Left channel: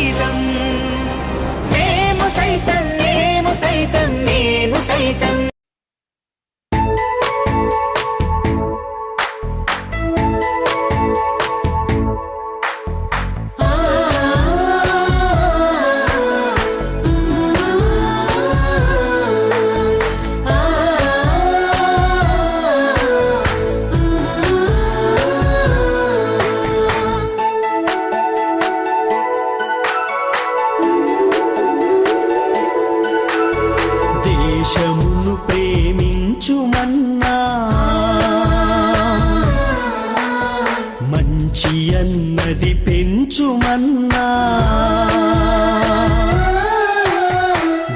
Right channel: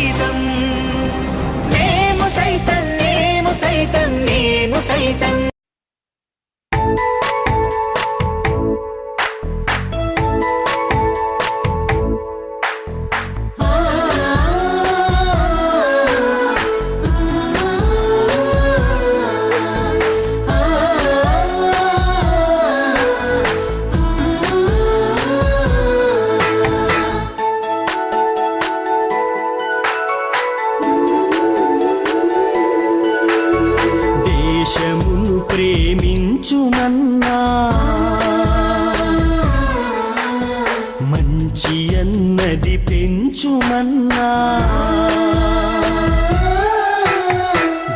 సైతం. మేము సైతం మేము సైతం మేము సైతం. అన్నది పెంచుమన్నా.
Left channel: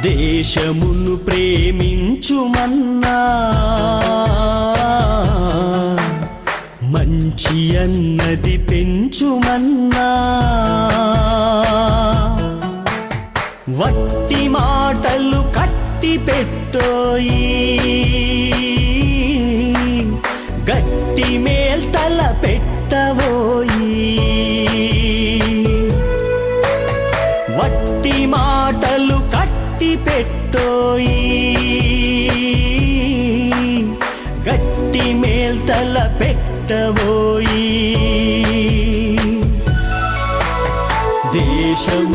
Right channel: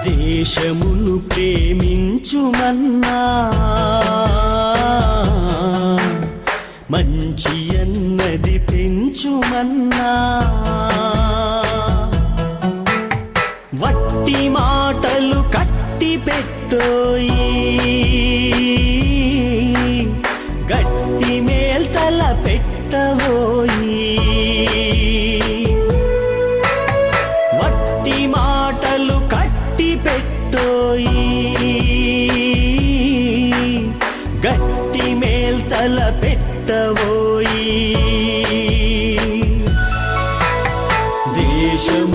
దేశమును ప్రేమించుమన్నా. మంచి అన్నది పెంచుమన్నా. వట్టి మాటలు కట్టి పెట్టోయి. దేశమును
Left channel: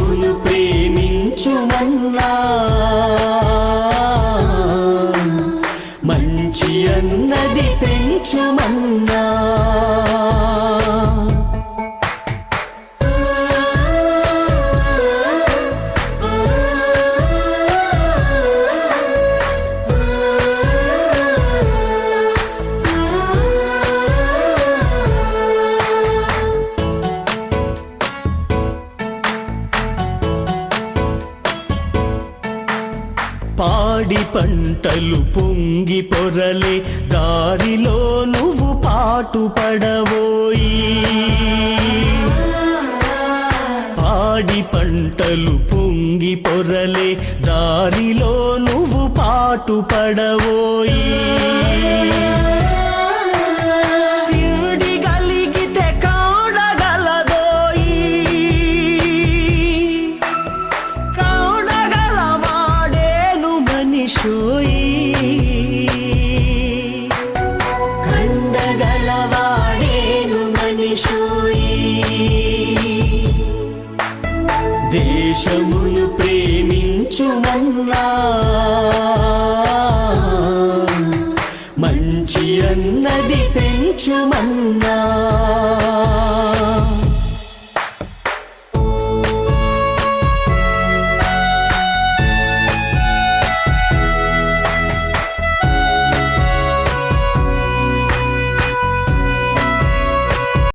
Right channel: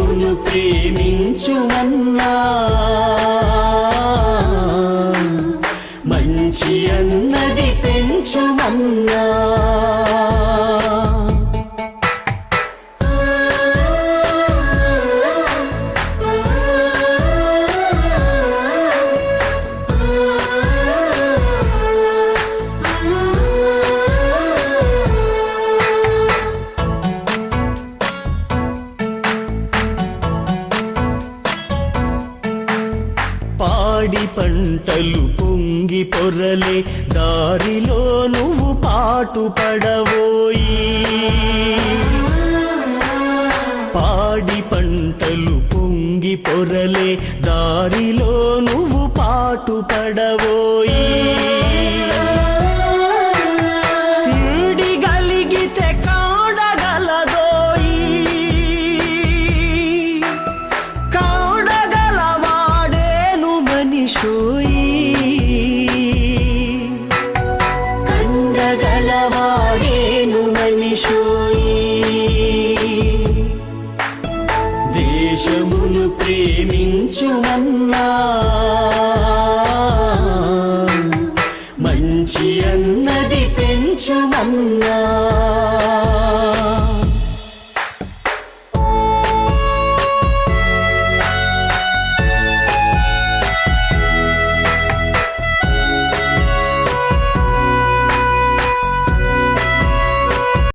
పాడి పంటలు పొంగి పొరలే దారిలో నువ్వు పాటు పడవోయి. పాడి పంటలు పొంగి పొరలే దారిలో నువ్వు పాటు పడబోయి మనిషోయి కండగలవాడేను మనిషోయి. దేశమును ప్రేమించుమన్నా. మంచి అన్నది పెంచుమన్నా.